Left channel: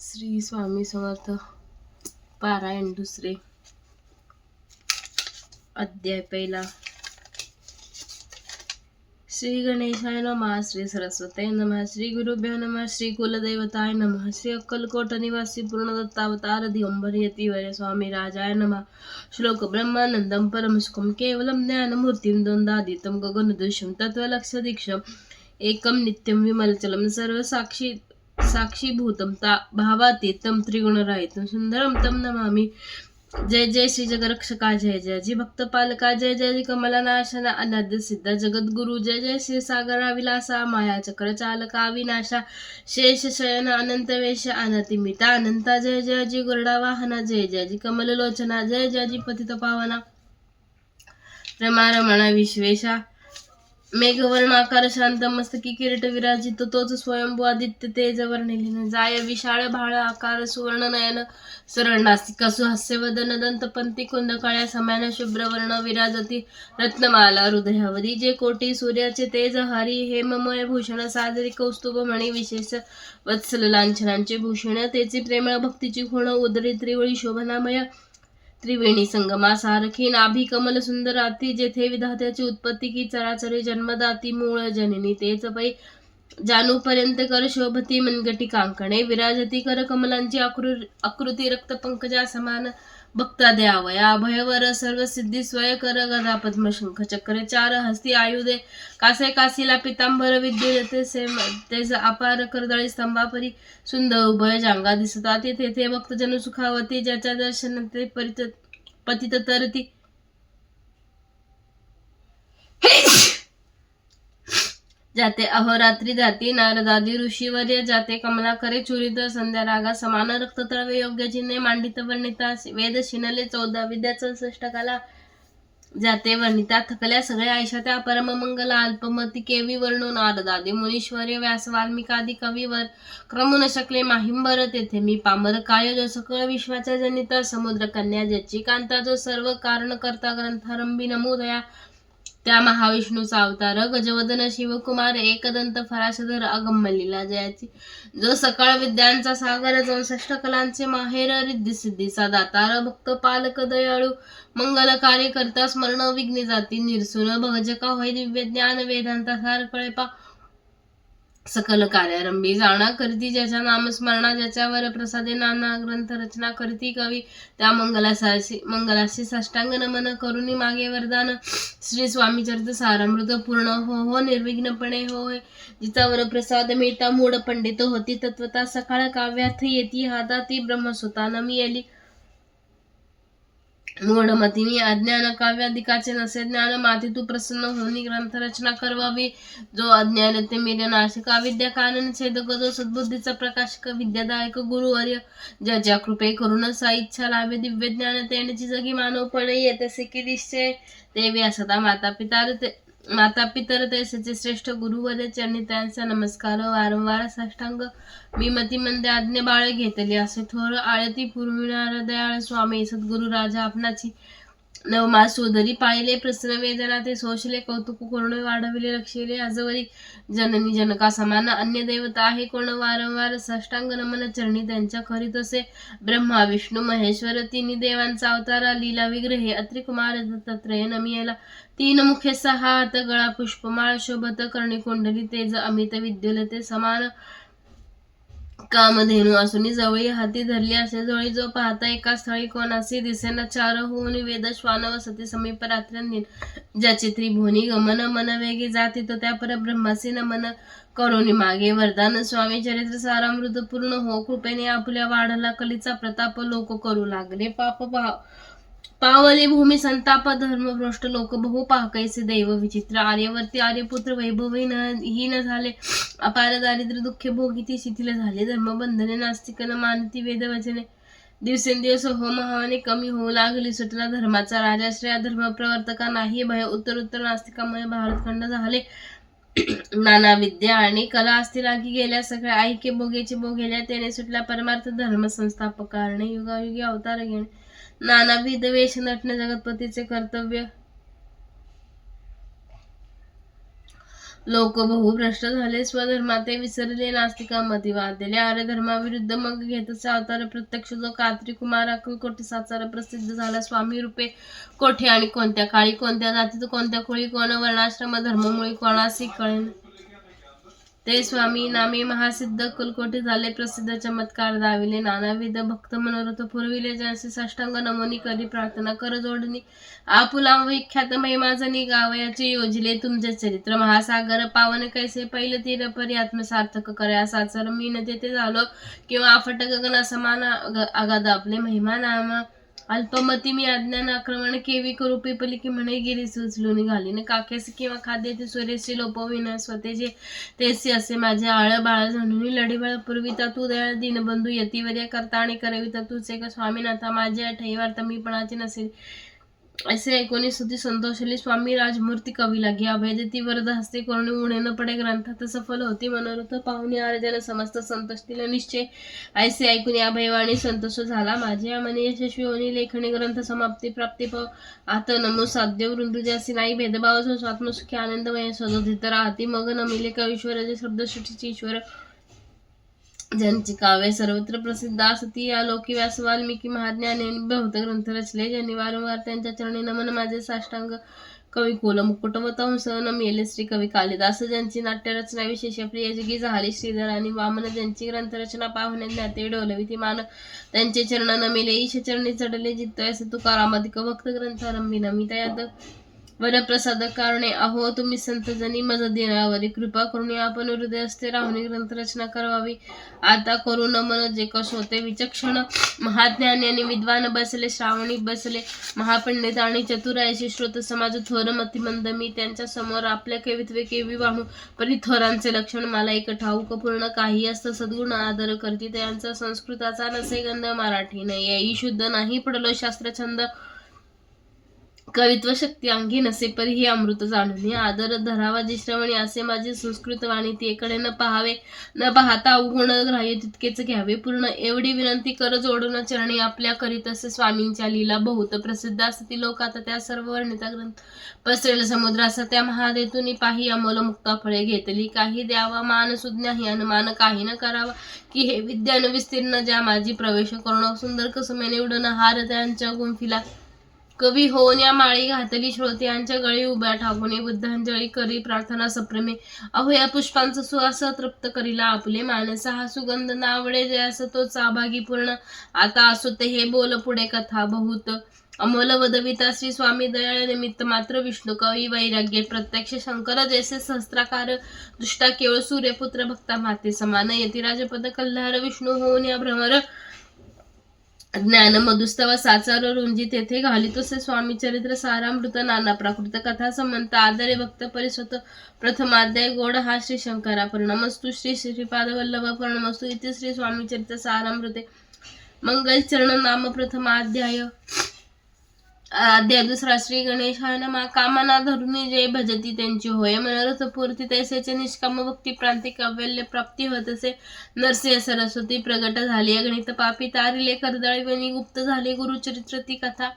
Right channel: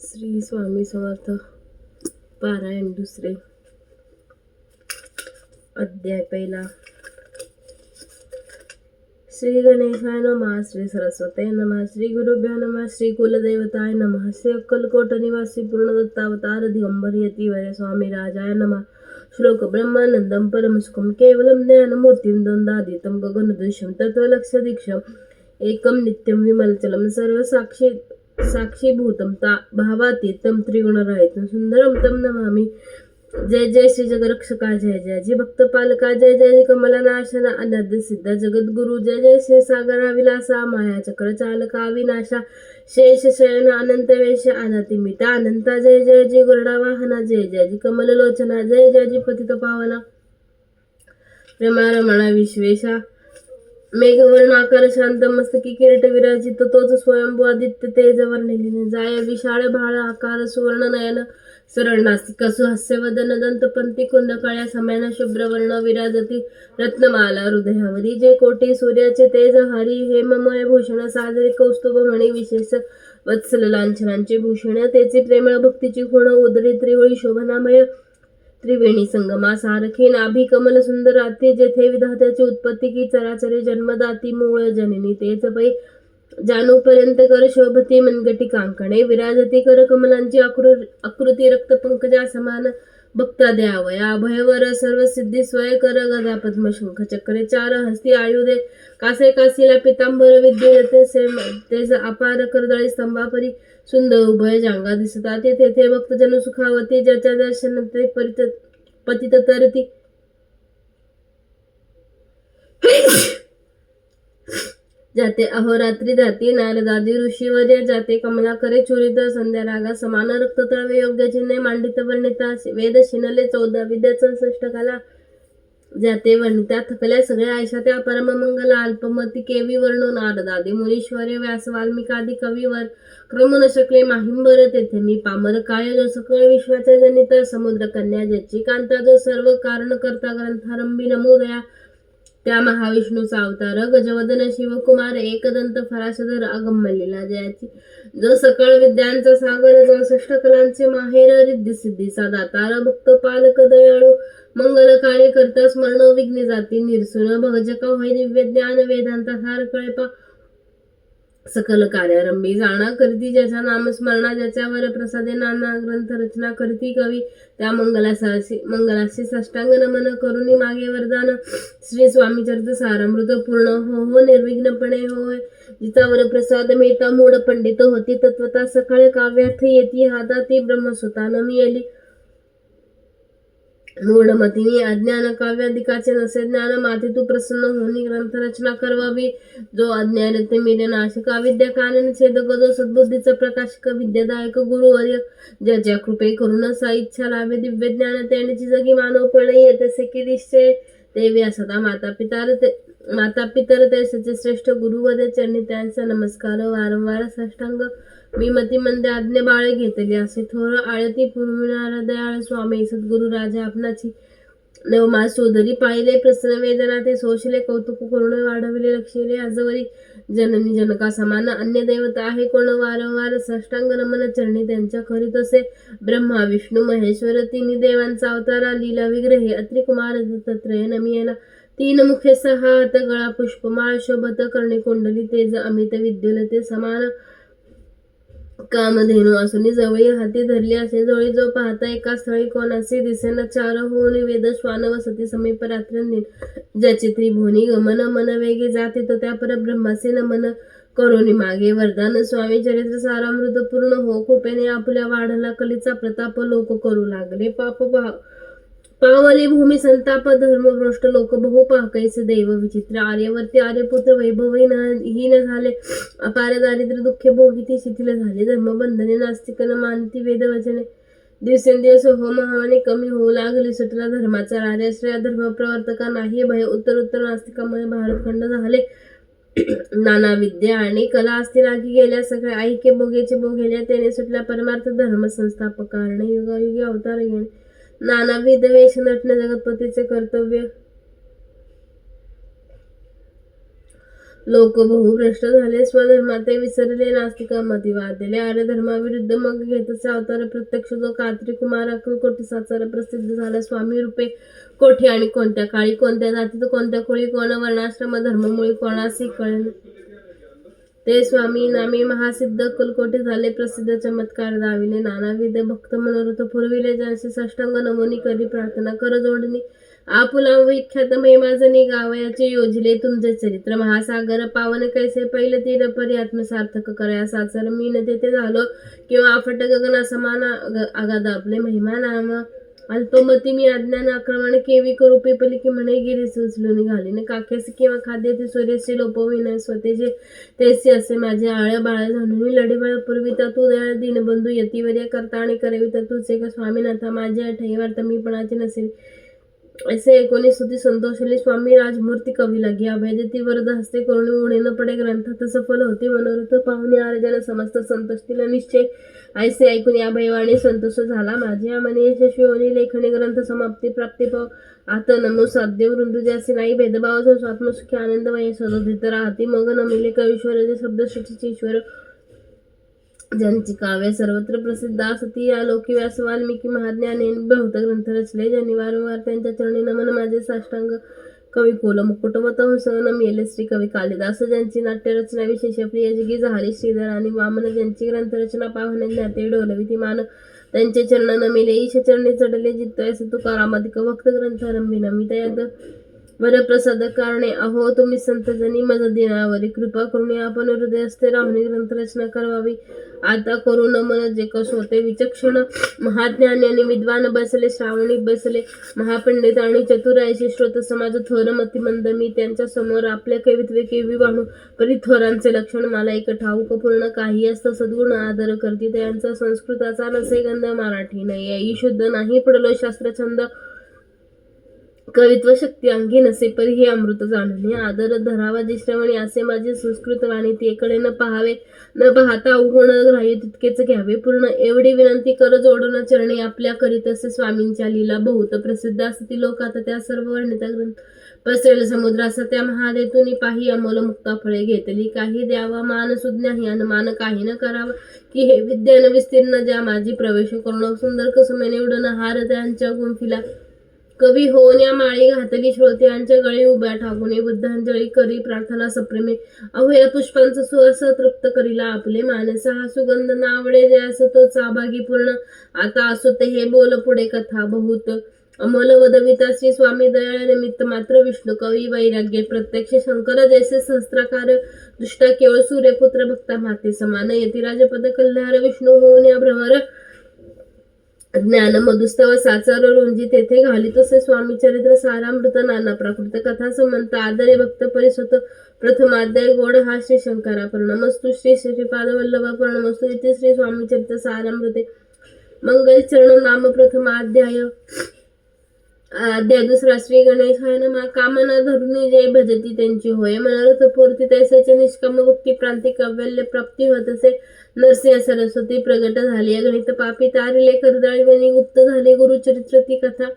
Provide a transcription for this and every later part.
श्री स्वामी समर्थ. पारायण दुसरे, अध्याय पहिला. श्री गणेशाय नमः. श्री सरस्वते नमः. श्री गुरुभ्यो नमः. श्री कुलदेवताय नमः. श्री अक्कलकोट निवासी पूर्णदत्तावतार दिगंबर यतिवर्य स्वामी राजाय नमः. श्लोक ब्रह्मानंदम परमसुखम केवलम ज्ञानमूर्तिम द्वंद्वादितम गगनदृश्यम तत्त्वलक्षदीक्षम एकम नित्यम विमलचलम सर्व साक्षीभूतम भावातीतम त्रिगुणरहितम सुंदरम तम नमामि. जय जय श्री जगरक्षका. जय जय जी भक्तपालका. जय जय जी कमलनाशना अनाद्य सिद्ध जगद्गुरु. जय जय श्री सागरा विलासा माया चक्र चालका विनाशा शेष शयन अनंत वेश अनतिमिता अनंता. जय जय जी गरुडा वाहना. जय जय जी कमललोचना. जय जय जी पतित पावना रमारमण विश्वेशा. मेघवर्णाकार शांत मस्तकी किरीट विराजित तोच स्वयंभू आदित्य तेज वर्णिलीन जाय विशाळ भाळ आकार सुवर्ण नयन सरळ नासिका सुहास्य वदन दंतपंती कुंद काळ्या समान शुभ्रवर्ण विराजती रत्नमाला हृदयावरी. जे कोटी सूर्याचे तेज हरी हेममय भूषण सादरी कौस्तुभ मणी विशेष वत्सल लांछनांचे भूषण. तेचे प्रेमळ भक्तीची खुण उदरी त्रिवळी शोभनामय त्रिवेणी संगमा सारखी नाभी कमल सुंदराती. जेथे विधात्याची उत्पत्ती की चराचरे जन्मदाती मूळ जननी तेच पै जानूपर्यंत कर शोभती मनगटी कांकणे विराजती कर कमलांची आकृती रक्त पंकजा समान भक्ता द्यावया भयवर सर्व सिद्धी स्वय कर गदा पद्म शंख चक्रे चार हस्ती आयुधे कासे काशीला पितांबर विद्युते तेज अपार करदळी स्तंभापरी सुंदर उभय जांगा दिसता. तेथे भक्तजन सुखावती ज्याच्या दर्शन ते पतित तरती. जाते अहोरात्री जाती नारदादी ऋषीवर्य. जाते कमलाकरे चुरित संध्या रागा समान रक्त तळवे योग्य चिन्हे मांडित वर्णिता वेद शिनले 14 विद्याचं 66 कला. जाते वर्णिता थकल्या सगळ्या आयशा त्या परममंगल अल्पमती केवी वर्णो नारदादी मुनीश्वर्य व्यास वाल्मिकादी कवीवर क्रम न शकले माहिंबर. तेथे मी पामर काय जो सकळ विश्वाचा जनित समुद्र कन्या ज्याची कांता जो सर्व कारण करता ग्रंथारंभी नमोदया त्या महाविष्णूचा अवतार गजवदन शिवकुमार एकदंत फराशधर अगम्य लीला जयाची. जो सकळ विद्यांचा सागर 64 कलांचे माहेर रिद्धी सिद्धीचा दातार भक्त पालक दयाळू मंगल कार्य करता स्मरण विघ्ने जाती निरसून भजका होय दिव्य ज्ञान वेदांता सार कळेपा सकल कार्यारंभी जाणा करती ज्याच्या नामस्मरणा ज्याच्यावर प्रसादे नाना ग्रंथ रचना करती कवी त्या मंगलाशी साष्टांग नमन करुणी मागे वरदान. श्री स्वामी चरित्र सारामृत पूर्ण हो निर्विघ्नपणे होय जिचावर प्रसाद मिळता मूढ पंडित होती तत्वता सकाळ काव्यार्थ येती हाताती ब्रह्मसुता नमी आली. मूढमतीनी अज्ञान काव्यादिकाचे नसे ज्ञान माती तू प्रसन्न होनी ग्रंथ रचना करवावी. जो अज्ञान ते मिले नाशक अविद्या कानन छेदक जो सद्बुद्धीचा प्रकाशक विद्यादायक गुरुवर्य ज्याच्या कृपे करून सा इच्छा लाभे दिव्य ज्ञान त्यांची जगी मानव पडे येतसे की निश्चय देवी असता माता पितर तेचे श्रेष्ठ गुरुवर्य चरणी त्यांचा नमस्कार वारंवार साष्टांग. मी मती मंद आज्ञा बाळ घेतली असे थोर आळती पुरविणारा दयाळ स्वामी सद्गुरु राजा आपणाची नवमा सोदरी पाहिले प्रसन्न वेदना ते सोशले कौतुक करुण वाढविले लक्षले आजवरी जननी जनका समान अन्य देवता आहे कोण वारंवार साष्टांग नमन चरणी त्यांच्या करीत असे. ब्रह्मा विष्णू महेश्वर तिन्ही देवांचा अवतारा लीला विग्रहे अत्रि कुमार दत्तात्रय नमियेला. 3 मुखे 6 हात गळा पुष्पमाळ शोभत कर्णी कुंडली तेज अमित विद्युलते समान कामधेनू असून जवळी हाती धरली असे जोळी. जो पाहता एका स्थळी कोणासी दिसेना 4 होऊन वेद श्वान वसती समीप रात्रंदिन ज्याचे त्रिभुवनी गमन मन वेगे जाते तो त्या परब्रह्माचे नमन करुणी मागे वरदान. स्वामी चरित्र सारामृत पूर्ण हो कृपेने आपल्या वाढला कलीचा प्रताप लोक करू लागले पाप पावली भूमी संताप धर्मभ्रष्ट लोक बहु पाहकैसे दैव विचित्र. आर्यवर्ती आर्यपुत्र वैभवहीन झाले अपार दारिद्र्य दुःखे भोगिती शिथिल झाले धर्मबंधने नास्तिकन मानती वेदवचने. दिवसेंदिवस महावाने कमी होऊ लागली सुटला धर्माचा राजाश्रय धर्म प्रवर्तका नाही भय उत्तर नास्तिकामुळे भारतखंड झाले. नाना विद्या आणि कला असती लागी गेल्या सगळ्या ऐक्य भोगेचे भोगेल्या त्याने सुटला परमार्थ धर्म संस्थापकारणे युगायुगी अवतार घेणे नानाविध वेश नटणे जगतपतीचे कर्तव्य. लोक बहुभ्रष्ट झाले, स्वधर्माते विसरले, नास्तिकामती वादले, आर्य धर्माविरुद्ध मग घेतच अवतार प्रत्यक्ष जो कात्री कुमार अक्कलकोटी साचार प्रसिद्ध झाला. स्वामी रूपे कोठे आणि कोणत्या काळी, कोणत्या जातीत, कोणत्या कुळी, कोण वर्णाश्रम धर्ममुळी, कोणासी कळेन ते स्वामी नामे महासिद्ध अक्कलकोटी झाले प्रसिद्ध. चमत्कार दाविले, नानाविध भक्त मनोरथ पुरविले, ज्यांचे साष्टांग नमोनी करी प्रार्थना कर जोडणी. आपुला विख्यात महिमाजनी गावयाचे योजले तुमचे चरित्र, महासागर पावन कैसे पैल तीर परी आत्मसार्थक करया साचर. मी न तेथे झालो किंवा आफट गगना समान आगाद आपले महिमा नाम. अल्पमती मी अज्ञान आक्रमण केवी करू पिपली की म्हणे गिरी सुचलून निघाली न काकेस किंवा खाद्य ते सूर्यशी लोपविन स्वतेचे तेसी असे माझे आळ बाळ जाणून लढीबाळ पूर्विता तू दयाळ दीनबंधू यतिवर्य करता आणि करविता तूच एक स्वामीनाथा माझ्या ठेवार्थ मी पणाचे नसेल. असे ऐकून स्तुती संतोषली. स्वामी राजमूर्ती कवी लागे अभय देती वरद हस्ते करून उणे न पडे ग्रंथात सफल होती मनोरथ पाहुणे आर्जन समस्त संतोषतील निश्चय. ऐसे ऐकून या भयवाणी संतोष झाला माझ्या मने यशस्वी होणी लेखणी ग्रंथ समाप्ती प्राप्ती पाव आता नमो साध्य वृंदू ज्यासी नाही भेदभाव जो स्वात्मसुखी आनंदमय सदोदित राहती मग नमिले कवीश्वर जे शब्दसृष्टीचे ईश्वर ज्यांची काव्य सर्वत्र प्रसिद्ध असती. या लोकी व्यास वाल्मिकी महाज्ञाने बहुत ग्रंथ रचले, ज्यांनी वारंवार त्यांच्या चरणी नमन माझे साष्टांग. कवी कुल मुकुट व तंस न मेले श्री कवी कालिदास, ज्यांची नाट्यरचना विशेष प्रिय जगी झाली. श्रीधर आणि वामन ज्यांची ग्रंथरचना पाहुणे ज्ञाते डोलवी ती मान, त्यांचे चरण न मेले ईश चरणी चढले जित्त. असे तुकारामाधिक भक्त ग्रंथ आरंभी नमित याद वरप्रसाद कारणे. अहो तुम्ही संतजनी मज दिनावरी कृपा करून आपण हृदय असते राहुनी ग्रंथरचना करावी. आता करू नमन जे कस होते विचक्षण महाज्ञानी आणि विद्वान बसले, श्रावणी बसले महापंडित आणि चतुरायशी श्रोत समाज थोर मतिमंद. मी त्यांच्या समोर आपल्या कवित्वे केवी वाणू परी थोरांचे लक्षण मला एक ठाऊक पूर्ण काही असतं सद्गुण आदर करती. त्यांचा संस्कृताचा नसे गंध मराठी नाही शुद्ध नाही पडलो शास्त्रछंद कवित्व शक्ती अंगी नसे परी हे अमृत जाणून आदर धरावा जी श्रवणी असे माझे संस्कृत वाणी तीकडे न पाहावे न पाहता अवगुण ग्राह्य तितकेच घ्यावे पूर्ण. एवढी विनंती कर जोडून चरणी आपल्या करीत असे स्वामींच्या लीला बहुत प्रसिद्ध असती. लोक आता त्या सर्व वर्णिता ग्रंथ पसरेल समुद्र असा त्या महादेतून पाही अमोल मुक्ता फळे घेतली. काही द्यावा मान सुज्ञाही अनुमान काही न करावा की हे विद्यान विस्तीर्ण ज्या माझी प्रवेश करून सुंदर कसमेने उडण हार त्यांच्या गुंफिला. कवी होऊन या माळी घातली श्रोत्यांच्या गळी उभ्या ठाकून बुद्धांजळी करी प्रार्थना सप्रेमे. अहो या पुष्पांचा सुवास तृप्त करीला आपले मानस हा सुगंध नावडे जयास तो सहभागी पूर्ण. आता असो ते हे बोल पुढे कथा बहुत अमोल वदविता श्री स्वामी दयाळ निमित्त मात्र विष्णू कवी वैराग्य प्रत्यक्ष शंकर जैसे सहस्त्राकार दुष्टा केवळ सूर्यपुत्र भक्ता माते समान यतिराजपद कल्हार विष्णू होऊन या भ्रमर ज्ञान मधुस्तव साचार रुंजी तेथे घाली तसे स्वामी चरित्र सारामृत नाना प्राकृत कथा समंत आदरे भक्त परिस्वत प्रथमाध्याय गोड हा श्री शंकरा प्रणमस्तु श्री श्रीपाद वल्लभ प्रणमस्तु इथे श्री स्वामी चरित्र सारामृते मंगल चरण नाम प्रथमाध्याय. अध्याय दुसरा श्री गणेशाय नमः. कामना धरुनी जय भजती त्यांची होय मनोरथ पूर्ती तैसेचे निष्काम भक्ती प्रांती कव्यल्य प्राप्ती होत असे. नरसिंह सरस्वती प्रगट झाली गणित पापी तारिले कर्दळीवनी गुप्त झाली गुरुचरित्र ती कथा.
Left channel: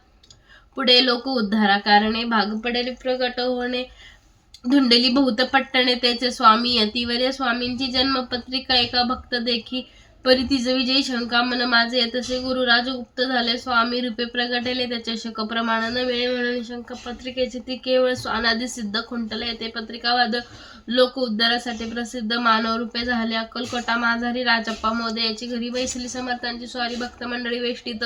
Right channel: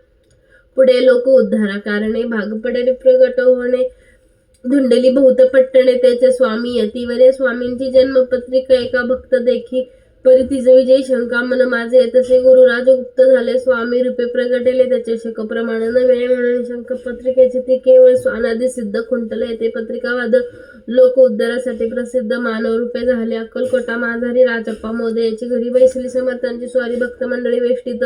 पुढे लोक उद्धारा कारणे भाग पडेल प्रगट होणे धुंडली बहुत पट्टणे त्याचे स्वामी यतिवर्य. स्वामींची जन्मपत्रिका एका भक्त देखी परी तिज विजय शंका मन माझे तसे गुरुराज गुप्त झाले. स्वामी रूपे प्रगटले त्याचे शक प्रमाण न वेळ म्हणून शंक पत्रिकेची ती केवळ अनादि सिद्ध खुंटले. ते पत्रिकावाद लोक उद्धारासाठी प्रसिद्ध मानव रूपे झाले. अक्कलकोटा माझारी राजप्पा मोदे याची घरी बैसली समर्थांची स्वारी भक्त मंडळी वेष्टीत.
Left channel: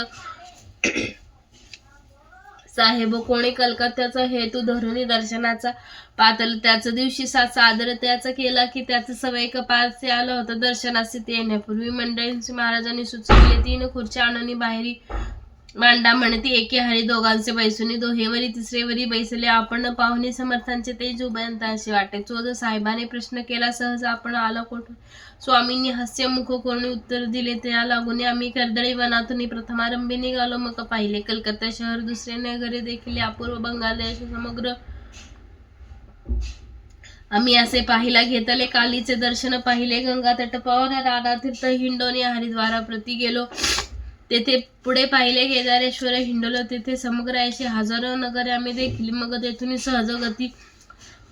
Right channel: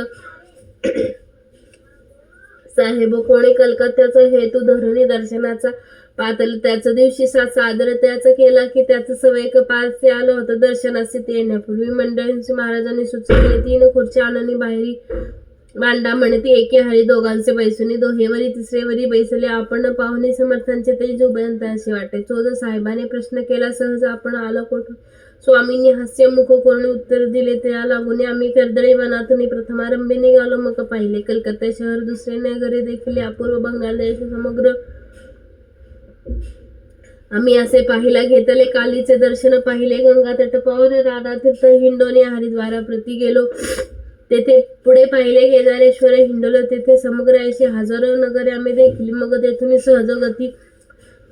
साहेब कोणी कलकत्त्याचा हेतू धरुनी दर्शनाचा पातल त्याच दिवशी सादर त्याचा केला की त्याचं सवय कपाळचे आलं होतं दर्शनाचे. ते येण्यापूर्वी मंडळींची महाराजांनी सुचवले 3 खुर्च्या आणून बाहेरी मांडा म्हणती एके हरी दोघांचे बैसुनी दोहेवरी तिसरेवरी बैसले. आपण पाहुणे समर्थांचे तेज उभयंतांशी वाटे. चोज साहेबाने प्रश्न केला सहज आपण आलो कोठून. स्वामींनी हास्यमुख करून उत्तर दिले त्या लागून आम्ही कर्दळी वनातून प्रथमारंभी निघालो. मग पाहिले कलकत्ता शहर दुसरे नगरे देखील अपूर्व बंगाल देश समग्र आम्ही असे पाहिला घेतले. कालीचे दर्शन पाहिले गंगा तट पावन राधा तीर्थ हिंडोनी हरिद्वारा प्रति गेलो. तेथे पुढे पाहिले केदारेश्वर हिंडलो. तेथे समग्र अशी हजारो नगरे आम्ही देखील. मग तेथून सहज गती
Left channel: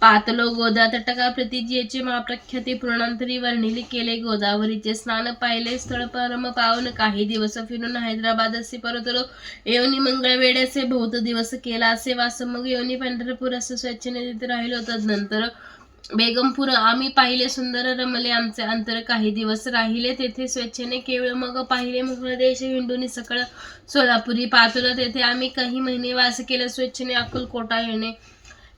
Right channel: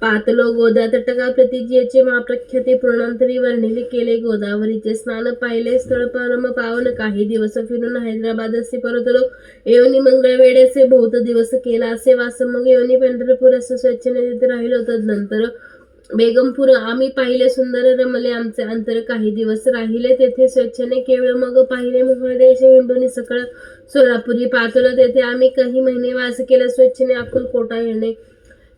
पातलो गोदा तटका प्रतिजीचे महाप्रख्याती पूर्णांतरी वर्णिले केले. गोदावरीचे स्नान पाहिले स्थळ परम पावन. काही दिवस फिरून हैदराबादसी परतलो. येऊनी मंगळवेढ्याचे बहुत दिवस केला असे वास. मग येऊनी पंढरपूर असं स्वेच्छेने तिथे राहिलो. तदनंतर बेगमपूर आम्ही पाहिले. सुंदर रमले आमचे अंतर. काही दिवस राहिले तेथे स्वेच्छेने केवळ. मग पाहिले मोकळा देश हिंडून सकळ. सोलापुरी पातलं तेथे आम्ही काही महिने वास केला. स्वेच्छेने अक्कलकोटा येणे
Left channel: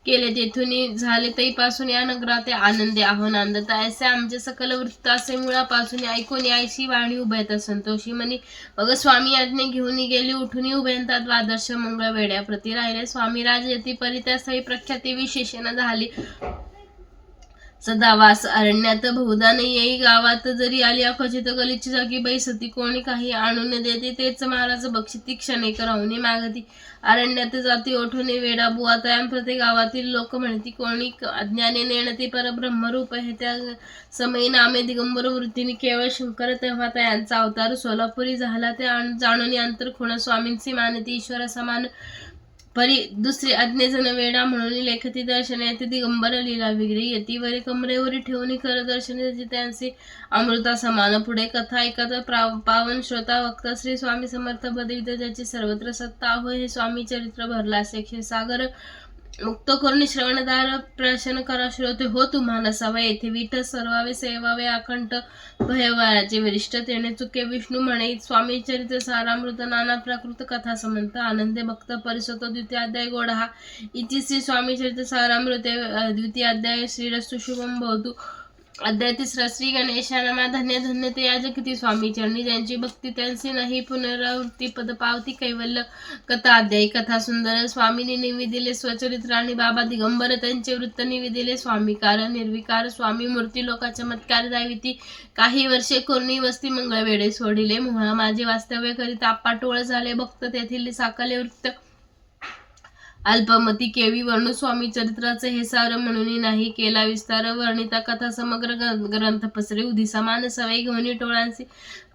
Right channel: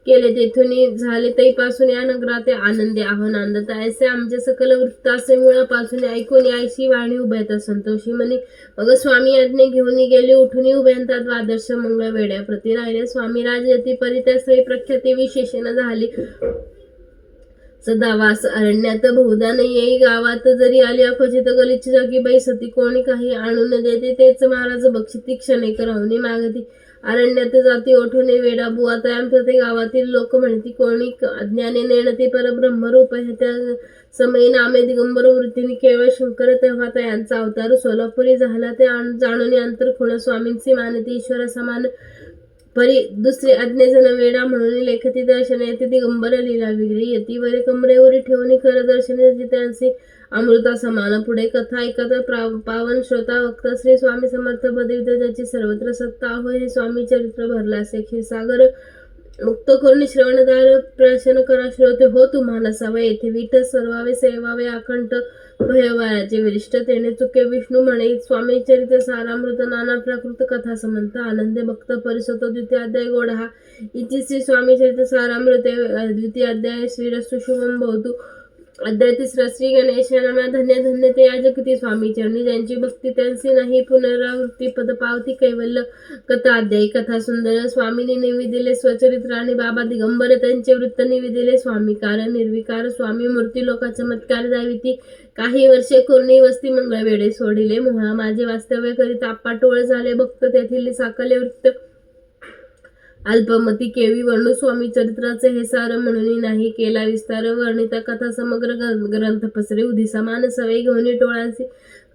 केले. तेथून झाले तैपासून या नगरात आनंदे आहो नांदत. ऐसे आमचे सकल वृत्त असे मुळापासून ऐकून यायशी वाणी उभयता संतोषी म्हणी. मग स्वामी आज्ञे घेऊन गेले उठून उभयंता द्वादश मंगळ वेड्या प्रति राहिले. स्वामी राजयती परी त्या सही प्रख्याती विशेषण झाली. सदावास अरण्यात बहुधा नाही येई. गावात जरी आली अखचित गलिच्छ जागी बाई सती. कोणी काही आणून देते तेच महाराज बक्षिती. क्षणेक राहुनी मागती. अरण्यात जाती ओठून वेडा बुवा. तयां प्रति गावातील लोक म्हणती. कोणी अज्ञाने नेणती परब्रह्मरूप हे. त्या समयी नामे दिगंबर वृत्तीने केवळ शंकर. तेव्हा तयांचा अवतार सोलापुरी झाला. ते जाणून अंतर खुण स्वामींची मानती. ईश्वर समान परी दुसरे अज्ञेजन वेडा म्हणून लेखती. दर्शन येते दिगंबर लीला विग्री येती. वरी कमरेवरी ठेवून कर दर्शन त्यांचे अमृता समान. पुढे कथा ऐकत पावन श्रोता वक्ता. श्री स्वामी समर्थ बदवित ज्याची सर्वत्र सत्ता होय. हे स्वामी चरित्र भरला असे क्षीरसागर. मुक्त करून श्रवणदार प्रशन करा श्रोते हो तुम्हाला सवय. येथे विठ सर्वावे सेवावे अखंड भयवाराचे वरिष्ठ. तेने चुके विष्णू म्हणे. स्वामी चरित्र सारामृत नाना प्राकृत कथा समंत. आनंदे भक्त परिसत. द्वितीय अध्याय गोड हा इति श्री स्वामी चरित्र सारामृत. द्वितीय अध्याय श्रीरस्तु शुभम भवतु. अध्याय तिसरा श्री गणेशानमा. धन्य धन्य ते या जगती स्वामी चरणी. ज्यांची भक्ती त्यांची नाही पुनरावृत्ती. पद पावती कैवल्य. कथा अध्याय. कथा सुंदर. स्वामींनी निविदिले स्वचरित्र आणि बाबा दिगंबर त्यांचे वृत्त निविदिले. स्वामी कारण निर्विकार. स्वामी मूर्ती लोका चमत्कार दाविती. काही वर्षे कोरणी वस्ती मंगळवेढे सोडिले. मोहा माझे वास्तव्य करीत आपाटोळ झाले. भक्त तेथील साकले वृत्त अल्पमती केवी वर्णू. स्वामी चरित्राचे हे सार म्हणून नाही केला विस्तार. वर्णिता कथा समग्र ग्रंथ पसरे. उदी समान सवयी घेऊन टोळांची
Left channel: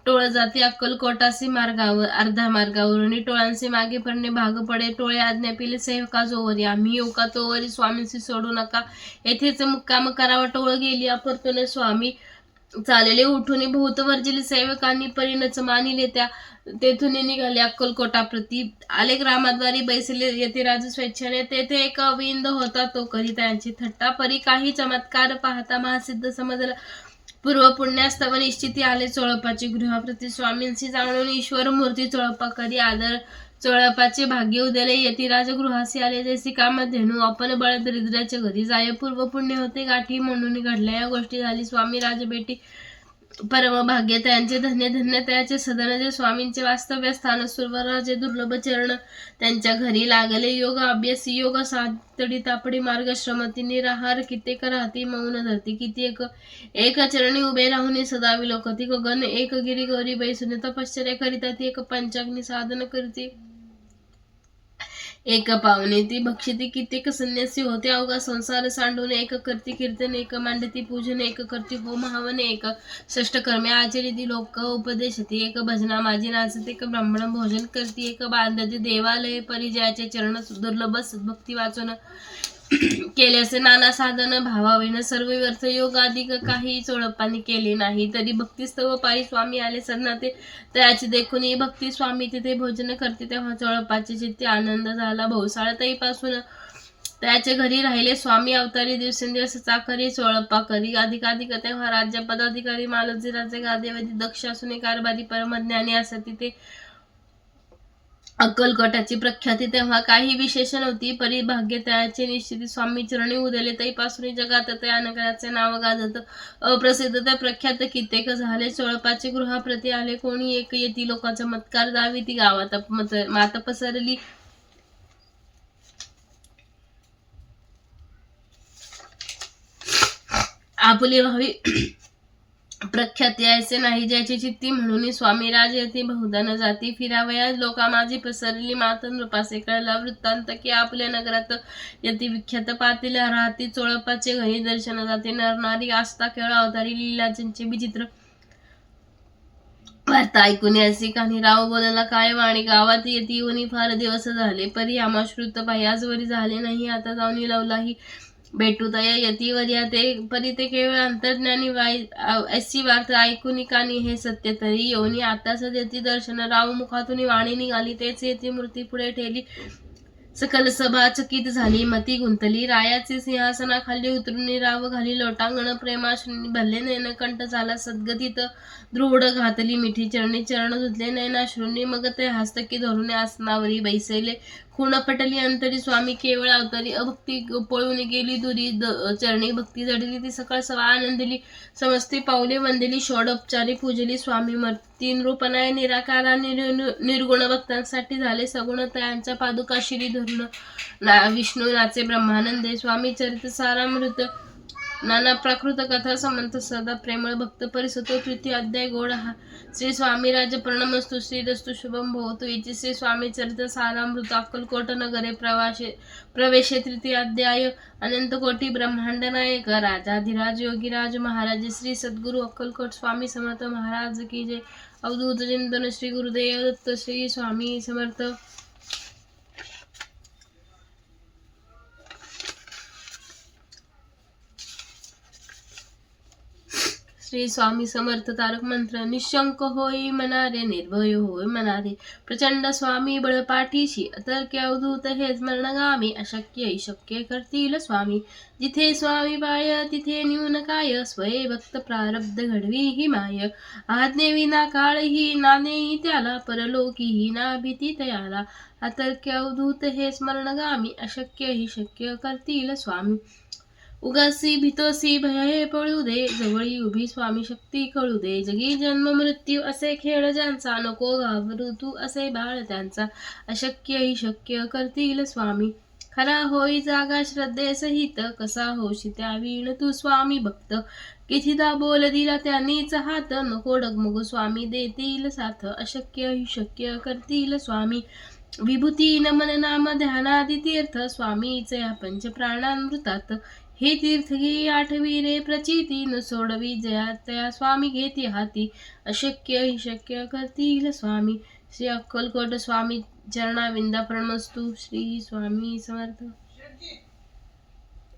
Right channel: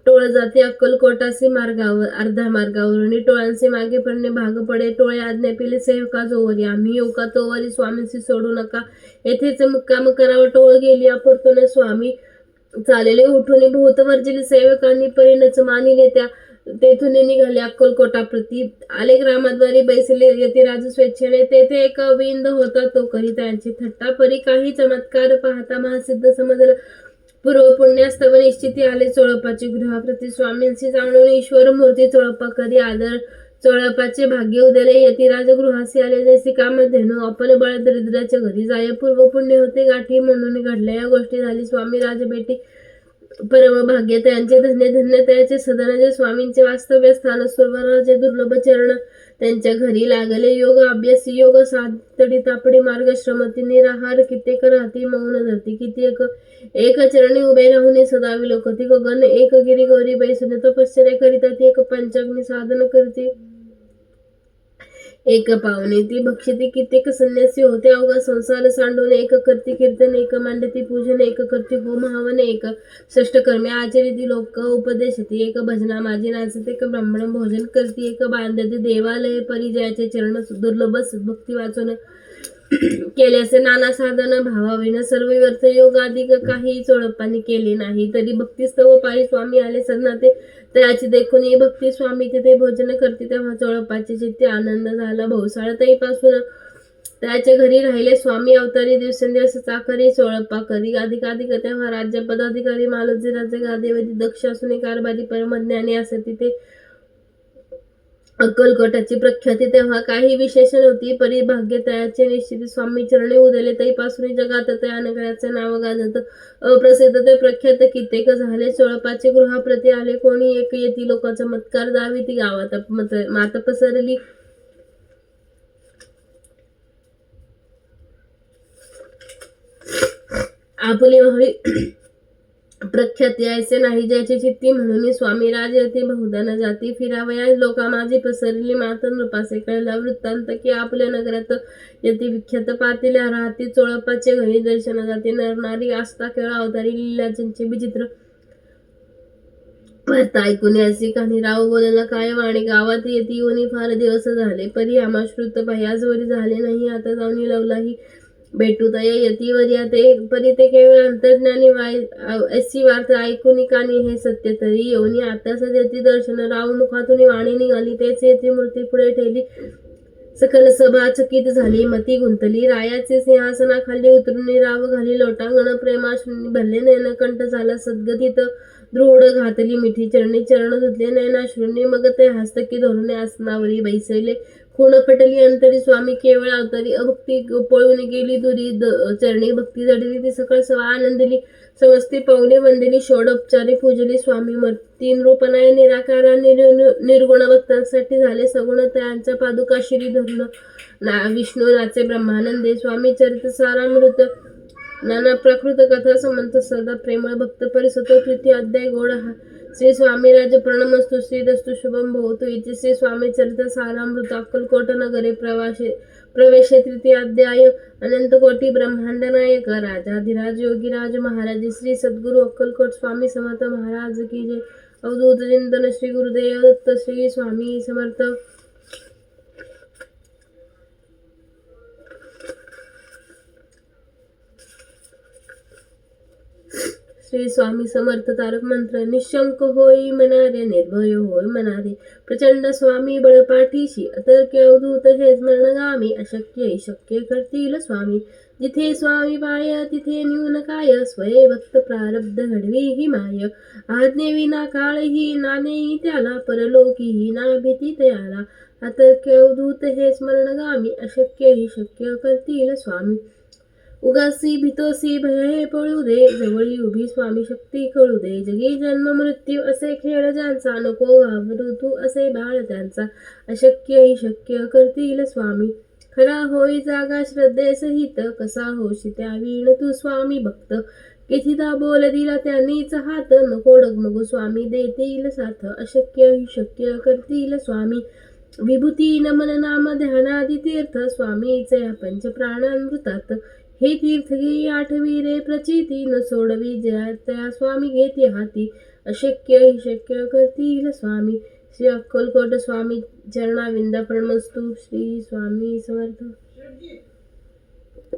टोळ जाते अक्कलकोटासी मार्गावर. अर्धा मार्गावरून टोळांचे मागे पडणे भाग पडे. टोळे आज्ञा पिले सेवका जोवरी. आम्ही येऊ का तोवरी स्वामींशी सोडू नका. येथेच मुक्काम करावा. टोळ गेली अपरतून स्वामी चालेले उठून. भूत वर्जिले सेवकांनी परिणच मानिले. त्या तेथून निघाले अक्कलकोटा प्रती. आले ग्रामाद्वारी बैसले येथे राज स्वेच्छेने. तेथे एक अविंद होता तो करी त्यांची थट्टा. परी काही चमत्कार पाहता महासिद्ध समजला. पूर्व पुण्यास्तव निश्चिती आले. चोळपाची गृहाप्रती स्वामींशी जाणून ईश्वर मूर्ती चोळपा करी आदर. चोळपाचे भाग्य उदले. येथे राजगृहासी आले जैसे कामधेनू. आपण बळ दरिद्राच्या घरी जाय. पूर्व पुण्य होते गाठी म्हणून घडल्या या गोष्टी. झाली स्वामी राजबेटी परम भाग्य त्यांचे. धन्य धन्य त्याचे सदन जे स्वामींचे वास्तव्य स्थान. सुरवराचे दुर्लभ चरण त्यांच्या घरी लागले. योग अभ्यासी योग सातडी तापडी मार्ग श्रमती. निराहार कित्येक राहती मौन धरती. कित्येक एक चरणी उभे राहून सदा विलोकती. गगन एक गिरी गौरी बैसून तपश्चर्या करीता ती. एक पंचाग्नी साधन करती. एक पावणे ती भक्षिती. कित्येक संन्यासी होते अवघा संसार सांडून. एक करती कीर्तन. एक मांडती पूजन. एक करती होम हवन. एक षष्टकर्मे आचरिती. लोक उपदेशती. एक भजना माझी नाचते. एक ब्राह्मण भोजन करती. एक बांधती देवालय परिजयाचे चरण. दुर्लभ सद्भक्ती वाचून केले असे नाना साधन भावाविन. सर्व व्यर्थ योग आदी काही चोळपांनी केले नाही. तरी भक्तिस्तव पायी स्वामी आले सदनाते. त्याची देखून ही भक्ती स्वामी तिथे भोजन करते. तेव्हा चोळपाचे चित्ते आनंद झाला. भोसाळ तईपासून त्याच्या घरी राहिले. स्वामी अवतारी दिवसेंदिवस चाकरी चोळपा करी. अधिकाधिक तेव्हा राज्य पदाधिकारी मालोजी राजे गादेवधी दक्ष असून कारभारी परमज्ञानी असती. ते अक्कलकोटाची प्रख्याती तेव्हा काही विशेषण होती. परिभाग्य त्याचे निश्चिती. स्वामी चरणी उदले तैपासून जगात त्या नगराचे नाव गाजत. अप्रसिद्ध ते प्रख्यात कित्येक झाले. चोळपाचे गृहाप्रती आले कोणी एक येती. लोकांचा चमत्कार दाविती. गावात मात पसरली. आपली व्हावी प्रख्याती ऐसे नाही ज्याची चित्ती. म्हणून स्वामी राजयती बहुधा न जाती. फिरावया लोका माझी पसरली. मात नृपासे कळला वृत्तांत की आपल्या नगरात यती विख्यात. पातील राहती चोळपाचे घरी दर्शन जाते. नरनारी आस्था केवळ अवतारी लीलाचंचे विचित्र वार्ता ऐकून अशी काही. राव बोलला काय वाणी. गावात येती येऊन फार दिवस झाले. परी आमाश्रुत पाही आजवरी झाले नाही. आता जाऊन लवलाही भेटूतय यतीवर्या ते परी ते केवळ अंतर्ज्ञानी ऐसी वार्ता ऐकून कानी हे सत्य तरी योनी आता सद्यती दर्शन राव मुखातून वाणी निघाली तेच येती मूर्ती पुढे ठेली सकल सभा चकित झाली मती गुंतली रायाचे सिंहासनाखाली उतरून राव घाली लोटांगण प्रेमाश्रूंनी भरले नयनकंठ झाला सद्गतीत दृढ घातली मिठी चरणी चरण धुतले नयनाश्रूंनी मग ते हस्तकी धरून आसनावरी बैसले खूण पटली अंतरी स्वामी केवळ अवतरी अभक्ती पळून गेली दुरी चरणी भक्ती जडली ती सकळ सवा आनंदिली समस्ती पावले वंदिली षोडोपचारी पूजली स्वामी तीन रूपनाय निराकारा निर्गुण भक्तांसाठी झाले सगुण त्यांच्या पादुका शिरी धरून विष्णू नाचे ब्रह्मानंदे स्वामी चरित सारामृत नाना प्राकृत कथा समंत सदा प्रेमळ भक्त परिसतो तृतीय अध्याय गोड श्री स्वामी राज प्रणमस्तु श्रीरस्तु शुभम भवतु इति श्री स्वामी चरित सारामृत अक्कलकोट नगरे प्रवेशे तृतीय अध्याय अनंत कोटी ब्रह्मांड नायक राजाधिराज योगीराज महाराज श्री सद्गुरु अक्कलकोट स्वामी समर्थ महाराज की जय। अवधूत चिंतन श्री गुरुदेव दत्त श्री स्वामी समर्थ। श्री स्वामी समर्थ तारक मंत्र निशंक होई मनारे निर्भय होय मनारे प्रचंड स्वामी बळ पाठीशी अतर्क्य अवधूत हे स्मरणगामी अशक्य शक्य करतील स्वामी जिथे स्वामी पाय तिथे न्यून काय स्वये भक्त प्रारब्ध घडवी ही माय आज्ञे विना काळही नानेही त्याला परलोकीही ना भीती तयाला अतर्क्य अवधूत हे स्मरणगामी अशक्य ही शक्य करतील स्वामी उगासी भीतोसी भय हे पळू दे जवळी उभी स्वामी शक्ती कळू दे जगी जन्म मृत्यू असे खेळ ज्यांचा नको घाबरू तू असे बाळ त्यांचा अशक्य ही शक्य करतील स्वामी खरा होई जागा श्रद्धेसहित कसा होशी त्या वीण तू स्वामी भक्त कितीदा बोल दिला त्यांनीच हात नको डगमगू स्वामी देतील साथ अशक्य ही शक्य करतील स्वामी विभूती नमन नाम ध्यानादि तीर्थ स्वामीचे पंच प्राणामृतात हे तीर्थ घे आठवी रे प्रचिती न सोडवी जया त्या स्वामी घेते हाती अशक्य ही शक्य करतील स्वामी श्री अक्कलकोट स्वामी चरणाविंदा प्रणमस्तु श्री स्वामी समर्थ।